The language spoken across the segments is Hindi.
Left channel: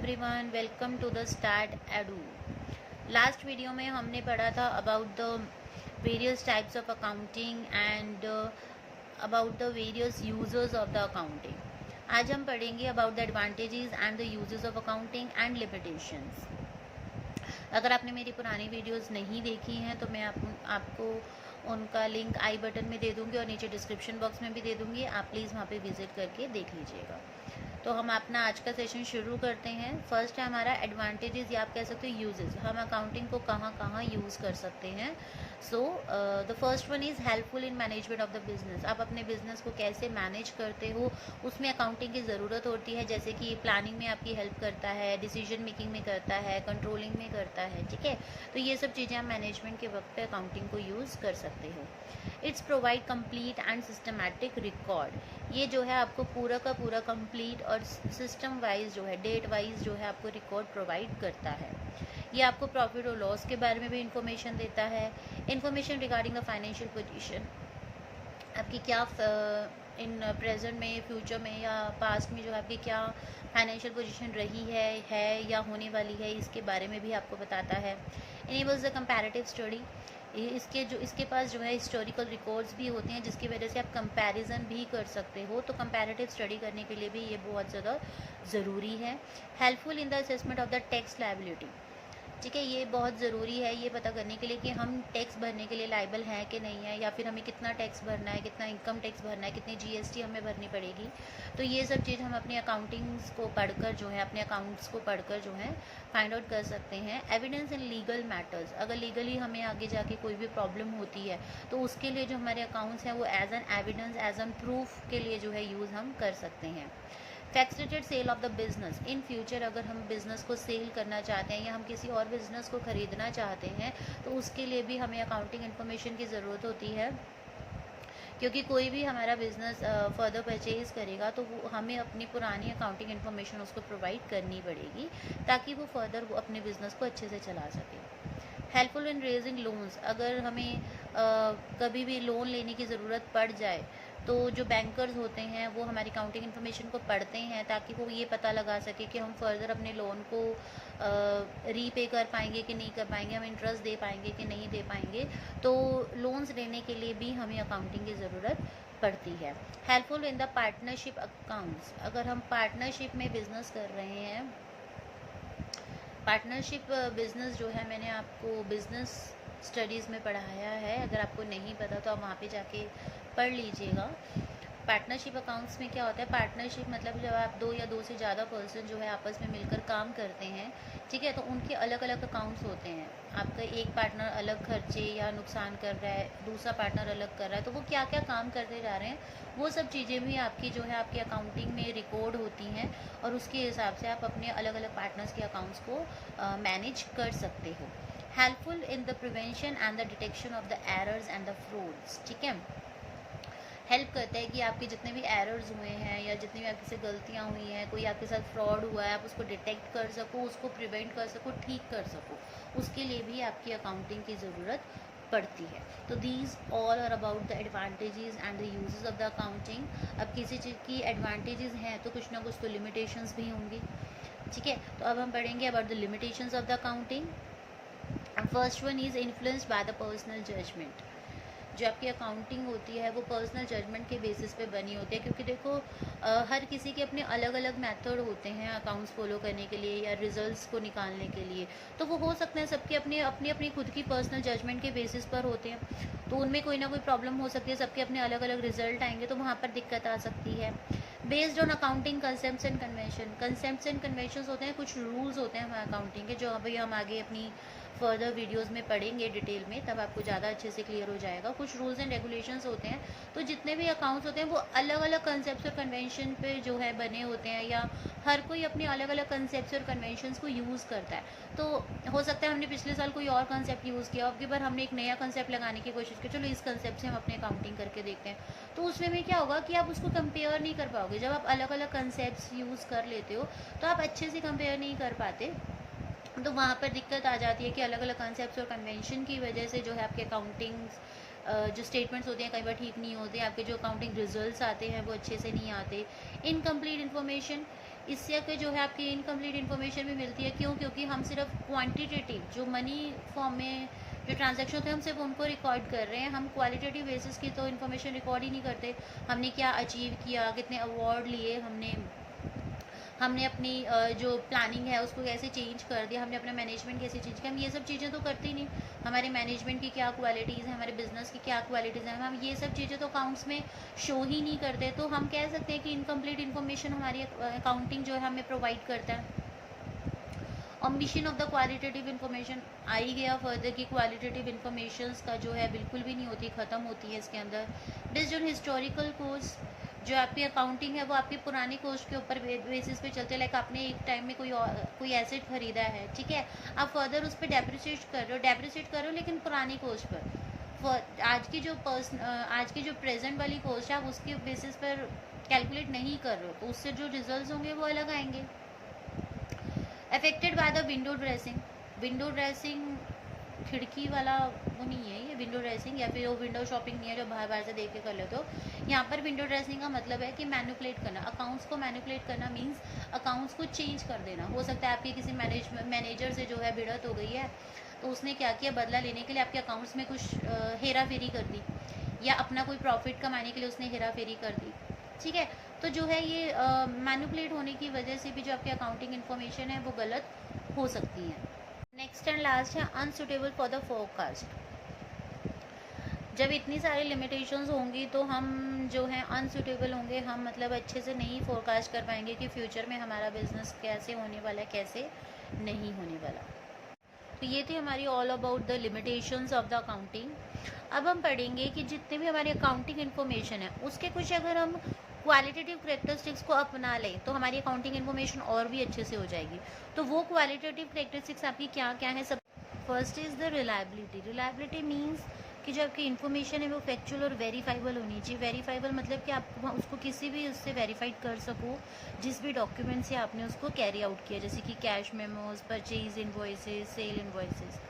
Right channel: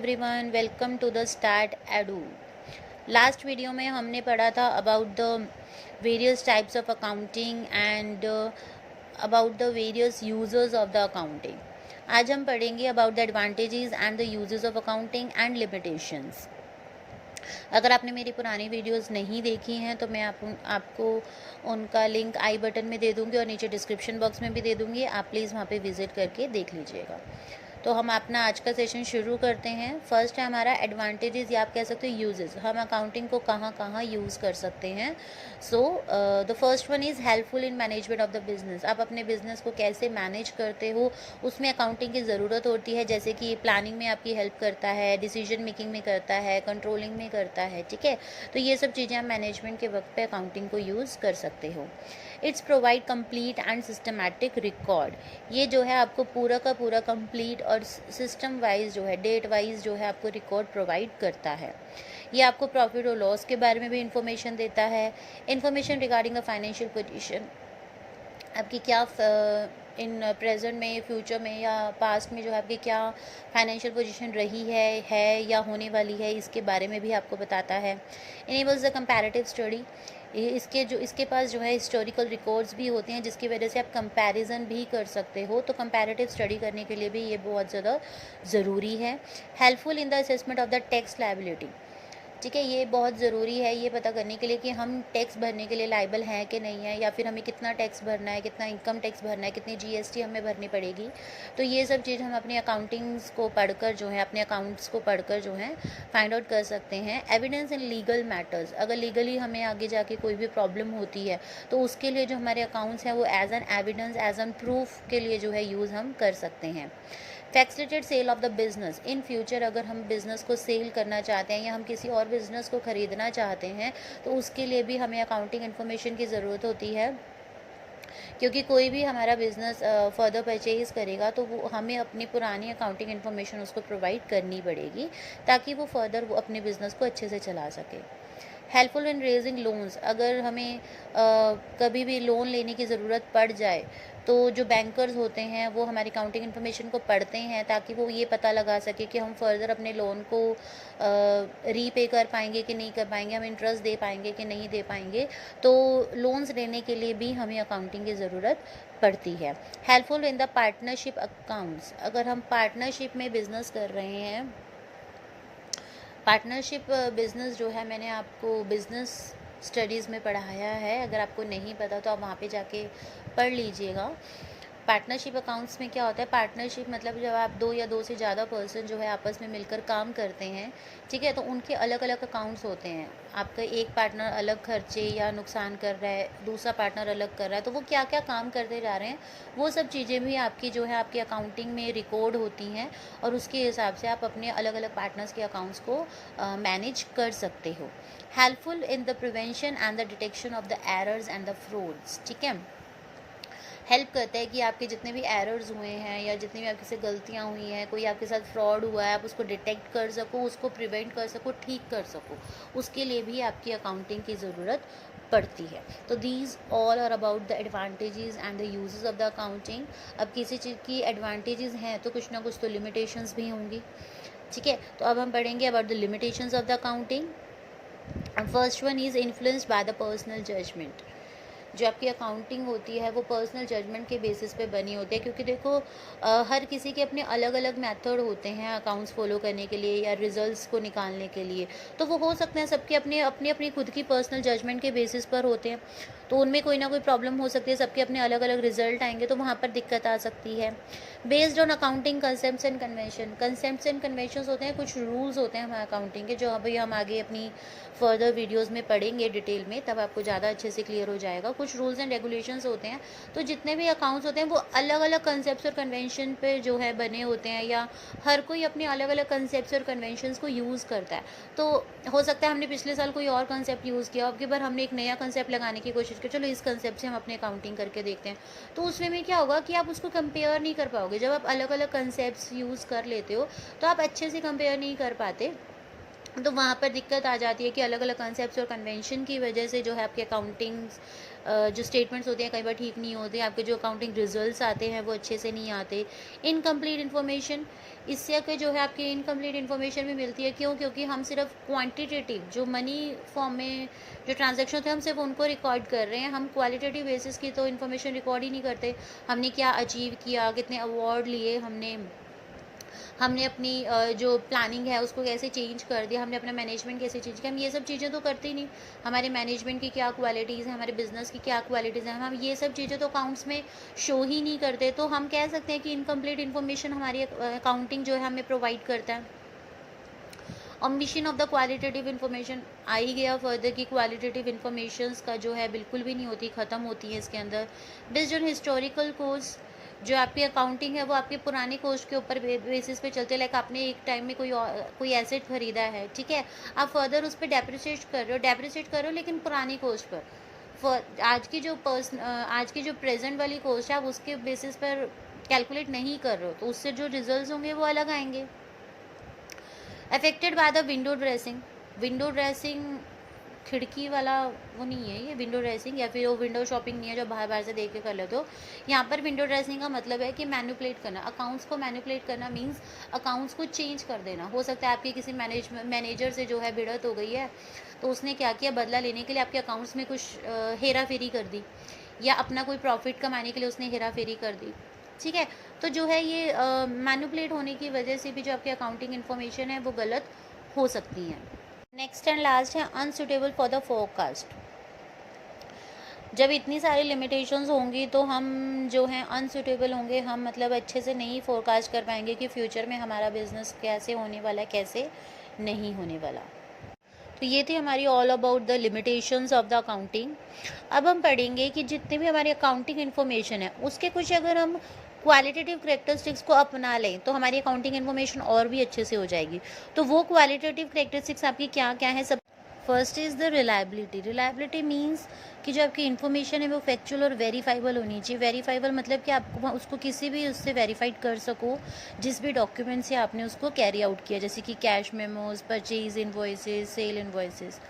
Everyone, welcome to the Start Edu. Last video में हमने पढ़ा था about the various types of accounting and about the various users of the accounting. आज हम पढ़ेंगे about the advantages and the uses of accounting and limitations. अगर आपने मेरी पुरानी वीडियोस नहीं देखी हैं तो मैं आपको उनका लिंक आई बटन में दे दूँगी और नीचे डिस्क्रिप्शन बॉक्स में भी दे दूँगी। आप प्लीज़ वहाँ पे विज़िट करके देख लीजिएगा। तो हम अपना आज का सेशन शुरू करते हैं। फर्स्ट है हमारा एडवांटेजेस या आप कह सकते हो यूजेस। हम अकाउंटिंग को कहाँ कहाँ यूज़ कर सकते हैं। So the first one is helpful in management of the business. आप अपने बिजनेस को कैसे मैनेज करते हो उसमें अकाउंटिंग की ज़रूरत होती है। जैसे कि प्लानिंग में आपकी हेल्प करता है, डिसीजन मेकिंग में करता है, कंट्रोलिंग में करता है। ठीक है, तो ये सब चीज़ें आप मैनेजमेंट के वक्त पे अकाउंटिंग को यूज़ कर सकते हो। It's provide complete and systematic record. ये जो है आपको पूरा का पूरा कंप्लीट और सिस्टम वाइज जो है, डेट वाइज जो है आपको रिकॉर्ड प्रोवाइड करता है। ये आपको प्रॉफिट और लॉस के बारे में भी इंफॉर्मेशन देता है। Information regarding a financial position, आपकी क्या इन प्रेजेंट में, फ्यूचर में या पास्ट में जो है आपकी क्या फाइनेंशियल पोजीशन रही है या होने वाली है, इसके बारे में भी आपको बताता है। Enables the comparative study. इसके पास जो है हिस्टोरिकल रिकॉर्ड्स भी होते हैं जिसकी वजह से आप कंपैरिजन भी कर सकते हो। तो कंपैरेटिव स्टडी करने के लिए भी ये बहुत ज़्यादा ज़रूरी है। Helpful in the assessment of the tax liability. ठीक है, ये बहुत ज़रूरी है ये पता करने के लिए कि हम टैक्स भरने के लिए लायबल हैं कि नहीं है, या फिर हमें कितना टैक्स भरना है, कितना इनकम टैक्स भरना है, कितनी जीएसटी हमें भरनी पड़ेगी। तो ये सब चीज़ हम अपने अकाउंटिंग्स को पढ़कर जो है, अपने अकाउंट्स को पढ़कर जो है फाइंड आउट कर सकते हैं। एविडेंस इन लीगल मैटर्स, अगर लीगली हमें आगे जाके कोई भी प्रॉब्लम होती है तो उसके लिए जो हमारे अकाउंट्स हैं वो as an evidence, as an proof के लिए जो है यूज़ हम कर सकते हैं। Facilitated sale of the business. In future अगर हम बिज़नेस को सेल करना चाहते हैं या हम किसी और बिज़नेस को ख़रीदना चाहते हैं तो उसके लिए भी हमें अकाउंटिंग इन्फॉर्मेशन की ज़रूरत होती है, क्योंकि कोई भी हमारा बिज़नेस फर्दर परचेज़ करेगा तो वो हमें अपनी पुरानी अकाउंटिंग इन्फॉर्मेशन उसको प्रोवाइड करनी पड़ेगी ताकि वो फर्दर वो अपने बिज़नेस को अच्छे से चला सके। हेल्पफुल इन रेजिंग लोन्स, अगर हमें कभी भी लोन लेने की ज़रूरत पड़ जाए तो जो बैंकर्स होते हैं वो हमारी अकाउंटिंग इन्फॉर्मेशन को पढ़ते हैं ताकि वो ये पता लगा सके कि हम फर्दर अपने लोन को रीपे कर पाएंगे कि नहीं कर पाएंगे, हम इंटरेस्ट दे पाएंगे कि नहीं दे पाएंगे। तो लोन्स लेने के लिए भी हमें अकाउंटिंग की ज़रूरत पड़ती है। Helpful in the partnership accounts, अगर हम पार्टनरशिप में बिज़नेस कर रहे हैं, पार्टनरशिप बिज़नेस जो है मैंने आपको बिज़नेस स्टडीज़ में पढ़ाया है। अगर आपको नहीं पता तो आप वहाँ पे जाके पढ़ लीजिएगा। पार्टनरशिप अकाउंट्स में क्या होता है, पार्टनरशिप मतलब जब आप दो या दो से ज़्यादा पर्सन जो है आपस में मिलकर काम करते हैं, ठीक है, तो उनके अलग अलग अकाउंट्स होते हैं। आपका एक पार्टनर अलग खर्चे या नुकसान कर रहा है, दूसरा पार्टनर अलग कर रहा है, तो वो क्या क्या काम करते जा रहे हैं वो सब चीज़ें भी आपकी जो है आपकी अकाउंटिंग में रिकॉर्ड होती हैं और उसके हिसाब से आप अपने अलग अलग पार्टनर्स के अकाउंट्स को मैनेज कर सकते हो। Helpful in the prevention and the detection of the errors and the frauds. ठीक है, हेल्प करता है कि आपके जितने भी एरर्स हुए हैं या जितनी भी आपके से गलतियाँ हुई हैं, कोई आपके साथ फ्रॉड हुआ है, आप उसको डिटेक्ट कर सको, उसको प्रिवेंट कर सको, ठीक कर सको, उसके लिए भी आपकी अकाउंटिंग की ज़रूरत पड़ती है। तो these all are about the advantages and the uses of the accounting. अब किसी चीज़ की एडवांटेजेस हैं तो कुछ ना कुछ तो लिमिटेशंस भी होंगी। ठीक है, तो अब हम पढ़ेंगे about the limitations of the accounting. First one is influenced by the personal judgement. जो आपकी अकाउंटिंग होती है वो पर्सनल जजमेंट के बेसिस पे बनी होती है, क्योंकि देखो हर किसी के अपने अलग अलग मेथड होते हैं अकाउंट्स फॉलो करने के लिए या रिजल्ट्स को निकालने के लिए। तो वो हो सकते हैं सबके अपने अपनी अपनी खुद की पर्सनल जजमेंट के बेसिस पर होते हैं, तो उनमें कोई ना कोई प्रॉब्लम हो सकती है, सबके अपने अलग अलग रिजल्ट आएंगे तो वहाँ पर दिक्कत आ सकती है। Based on accounting concepts and convention, concepts and conventions होते हैं, कुछ रूल्स होते हैं हमारे अकाउंटिंग के जो अभी हम आगे अपनी फर्दर वीडियोस में पढ़ेंगे डिटेल में, तब आपको ज़्यादा अच्छे से क्लियर हो जाएगा। कुछ रूल्स एंड रेगुलेशंस होते हैं, तो जितने भी अकाउंट्स होते हैं वो अलग अलग कंसेप्ट्स और कन्वेंशन पे जो है बने होते हैं, या हर कोई अपने अलग अलग कंसेप्ट्स और कन्वेंशंस को यूज़ करता है। तो हो सकता है हमने पिछले साल कोई और कंसेप्ट यूज़ किया, अब की बार हमने एक नया कंसेप्ट लगाने की कोशिश की, चलो इस कंसेप्ट से हम अपने अकाउंटिंग करके देखते हैं। तो उसमें में क्या होगा कि आप उसको कंपेयर नहीं कर पाओगे। जब आप अलग अलग कंसेप्ट यूज़ कर लेते हो तो आप अच्छे से कंपेयर नहीं कर पाते, तो वहाँ पर दिक्कत आ जाती है कि अलग अलग कंसेप्ट्स और कन्वेंशन की वजह से जो है आपके अकाउंटिंग जो स्टेटमेंट्स होते हैं कई बार ठीक नहीं होते, आपके जो अकाउंटिंग रिजल्ट्स आते हैं वो अच्छे से नहीं आते। इनकम्प्लीट इन्फॉर्मेशन, इससे के जो है आपकी इनकम्प्लीट इन्फॉर्मेशन भी मिलती है। क्यों? क्योंकि हम सिर्फ क्वांटिटेटिव जो मनी फॉर्म में जो ट्रांजैक्शन थे हम सिर्फ उनको रिकॉर्ड कर रहे हैं, हम क्वालिटेटिव बेसिस की तो इन्फॉर्मेशन रिकॉर्ड ही नहीं करते। हमने क्या अचीव किया, कितने अवार्ड लिए, हमने हमने अपनी जो प्लानिंग है उसको कैसे चेंज कर दिया, हमने अपना मैनेजमेंट कैसे चेंज किया, हम ये सब चीज़ें तो करते ही नहीं। हमारे मैनेजमेंट की क्या क्वालिटीज़ हैं, हमारे बिजनेस की क्या क्वालिटीज़ हैं, हम ये सब चीज़ें तो अकाउंट्स में शो ही नहीं करते। तो हम कह सकते हैं कि इनकम्प्लीट इन्फॉर्मेशन हमारी अकाउंटिंग जो है हमें प्रोवाइड करता है। Omission of the qualitative information आ ही गया फर्दर कि क्वालिटेटिव इन्फॉर्मेशन का जो है बिल्कुल भी नहीं होती, ख़त्म होती है इसके अंदर। बेस्ड ऑन हिस्टोरिकल कोर्स जो आपकी अकाउंटिंग है वो आपके पुराने कोर्स के ऊपर बेसिस पे चलते हैं। लाइक आपने एक टाइम में कोई एसेट खरीदा है, ठीक है, आप फर्दर उस पर डेप्रिसिएट कर रहे हो लेकिन पुराने कोर्स पर। आज की जो प्रेजेंट वाली कोर्स है आप उसके बेसिस पर कैलकुलेट नहीं कर रहे हो, तो उससे जो रिजल्ट होंगे वो अलग आएंगे। Affected by the window dressing खिड़की वाला वो नहीं है ये विंडो ड्रेसिंग, या फिर वो विंडो शॉपिंग नहीं है जो बाहर बाहर से देख के कर लेते हो। यहाँ पर विंडो ड्रेसिंग का मतलब है कि मैनिपुलेट करना, अकाउंट्स को मैनिपुलेट करना मीन्स अकाउंट्स को चेंज कर देना। हो सकता है आपकी किसी मैनेजर से जो है भिड़त हो गई है, तो उसने क्या किया, बदला लेने के लिए आपके अकाउंट्स में कुछ हेरा फेरी कर दी, या अपना कोई प्रॉफिट कमाने के लिए उसने हेरा फेरी कर दी, ठीक है। तो जो है ये मैनिपुलेट होने की वजह से भी जो आपकी अकाउंटिंग इन्फॉर्मेशन है वो गलत हो सकती है। नेक्स्ट एंड लास्ट है अनसुटेबल फॉर द फोरकास्ट। जब इतनी सारी लिमिटेशंस होंगी तो हम जो हैं अनसुटेबल होंगे, हम मतलब अच्छे से नहीं फोरकास्ट कर पाएंगे कि फ्यूचर में हमारा बिजनेस कैसे होने वाला है, कैसे नहीं होने वाला। तो ये थी हमारी all about the limitations of the accounting. अब हम पढ़ेंगे कि जितने भी हमारी अकाउंटिंग इन्फॉर्मेशन है उसके कुछ अगर हम क्वालिटेटिव करेक्टरिस्टिक्स को अपना लें तो हमारी अकाउंटिंग इन्फॉर्मेशन और भी अच्छे से हो जाएगी। तो वो क्वालिटेटिव करेक्टरिस्टिक्स आपकी क्या क्या है? सब first is the reliability means कि जो आपकी इन्फॉर्मेशन है वो फैक्चुअल और वेरीफाइबल होनी चाहिए। वेरीफाइबल मतलब कि आप उसको किसी भी उससे वेरीफाइड कर सको, जिस भी डॉक्यूमेंट से आपने उसको कैरी आउट किया, जैसे कि cash memos, purchase invoices, sale invoices.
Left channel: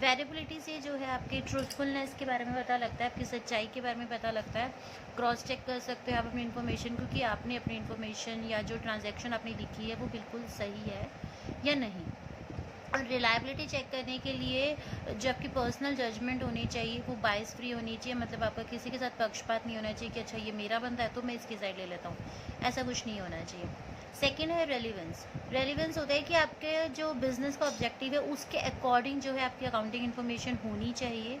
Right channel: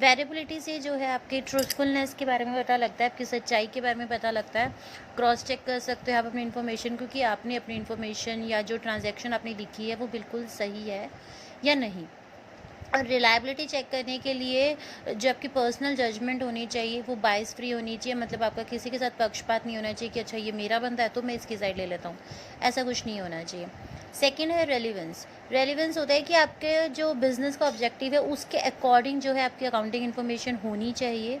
Variability से जो है आपके ट्रूथफुलनेस के बारे में पता लगता है, आपकी सच्चाई के बारे में पता लगता है। क्रॉस चेक कर सकते हो आप अपनी इन्फॉर्मेशन, क्योंकि आपने अपनी इन्फॉर्मेशन या जो ट्रांजैक्शन आपने लिखी है वो बिल्कुल सही है या नहीं। और रिलायबिलिटी चेक करने के लिए जो आपकी पर्सनल जजमेंट होनी चाहिए वो बायस फ्री होनी चाहिए, मतलब आपका किसी के साथ पक्षपात नहीं होना चाहिए कि अच्छा ये मेरा बंदा है तो मैं इसकी साइड ले लेता हूँ, ऐसा कुछ नहीं होना चाहिए। सेकेंड है रेलिवेंस होता है कि आपके जो बिजनेस का ऑब्जेक्टिव है उसके अकॉर्डिंग जो है आपकी अकाउंटिंग इन्फॉर्मेशन होनी चाहिए।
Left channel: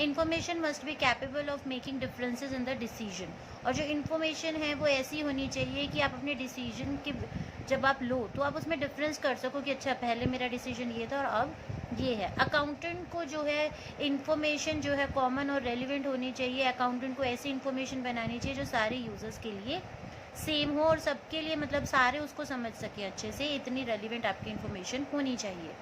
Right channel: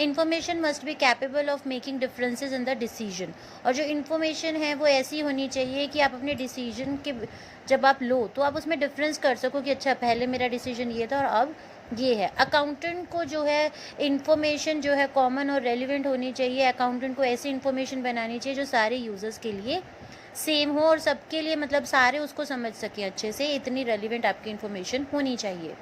Information must be capable of making differences in the decision, और जो इन्फॉर्मेशन है वो ऐसी होनी चाहिए कि आप अपने डिसीजन के जब आप लो तो आप उसमें डिफरेंस कर सको कि अच्छा पहले मेरा डिसीजन ये था और अब ये है। अकाउंटेंट को जो है इन्फॉर्मेशन जो है कॉमन और रेलिवेंट होनी चाहिए। अकाउंटेंट को ऐसी इन्फॉर्मेशन बनानी चाहिए जो सारे यूजर्स के लिए सेम हो और सबके लिए मतलब सारे उसको समझ सकें अच्छे से, इतनी रेलिवेंट आपकी इन्फॉर्मेशन होनी चाहिए।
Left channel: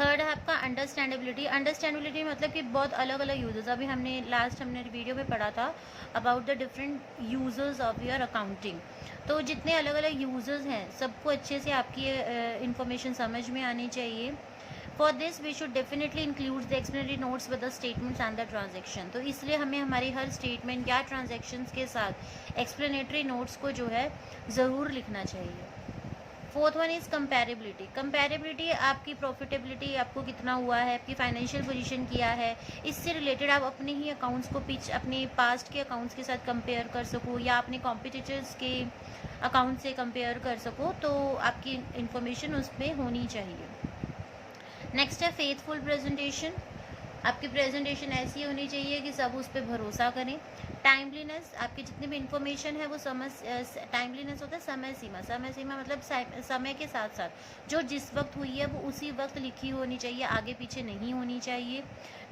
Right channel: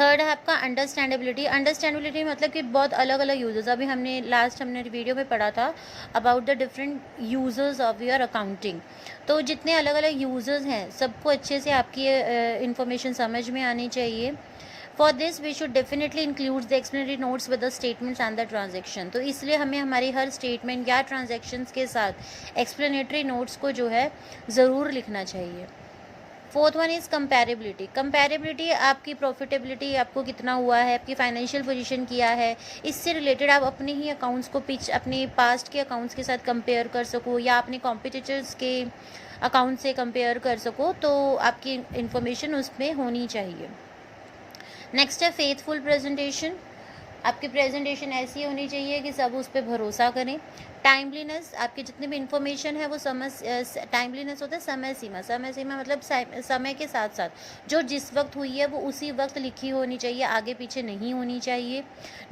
थर्ड है आपका अंडरस्टैंडेबिलिटी मतलब कि बहुत अलग अलग यूजर्स, अभी हमने वीडियो में पढ़ा था about the different users of your accounting. तो जितने अलग अलग यूजर्स हैं सबको अच्छे से आपकी इन्फॉर्मेशन समझ में आनी चाहिए। For this we should definitely include the explanatory notes with the statements and the transaction. तो इसलिए हमें हमारी हर स्टेटमेंट या ट्रांजेक्शन्स के साथ एक्सप्लेनेटरी नोट्स को जो है ज़रूर लिखना चाहिए। फोर्थ वन इज़ कंपैरेबिलिटी आपकी प्रॉफिटेबिलिटी, आपको कितना हुआ है, आपकी फाइनेंशियल पोजीशन क्या है, इससे रिलेटेड आप अपने ही अकाउंट्स को अपने पास्ट के अकाउंट्स के साथ कंपेयर कर सको या अपने कॉम्पिटिटर्स के अकाउंट से कंपेयर कर सको, तो आपकी इन्फॉर्मेशन उसमें होनी चाहिए। नेक्स्ट है फेथफुल प्रेजेंटेशन। आपकी प्रेजेंटेशन ऐसी होनी चाहिए कि सब उस पर भरोसा करें। टाइमलीनेस, आपकी जितनी भी इंफॉर्मेशन है वो टाइमलीनेस होता है समय सीमा मतलब समय के साथ साथ जो जिस वक्त हुई है वो उसी वक्त लिखी होनी चाहिए, आगे पीछे नहीं होनी चाहिए।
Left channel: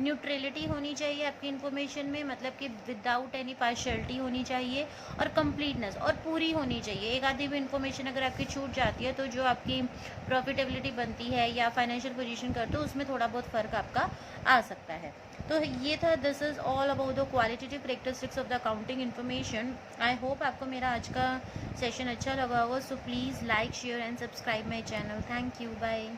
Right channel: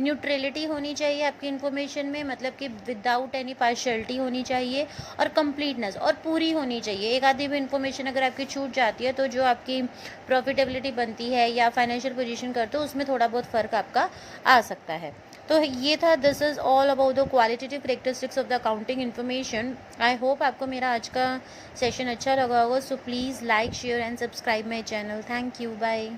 न्यूट्रलिटी होनी चाहिए आपकी इन्फॉर्मेशन में, मतलब कि विदाउट एनी पार्शियलिटी होनी चाहिए। और कंप्लीटनेस, और पूरी होनी चाहिए। एक आधी भी इन्फॉर्मेशन अगर आपकी छूट जाती है तो जो आपकी प्रॉफिटेबिलिटी बनती है या फाइनेंशियल पोजीशन करते हो उसमें थोड़ा बहुत फ़र्क आपका आ सकता है। तो ये था, this is all about the qualitative characteristics of the accounting information. I hope आपको मेरा आज का सेशन अच्छा लगा होगा। So please like, share and subscribe my channel. Thank you, bye.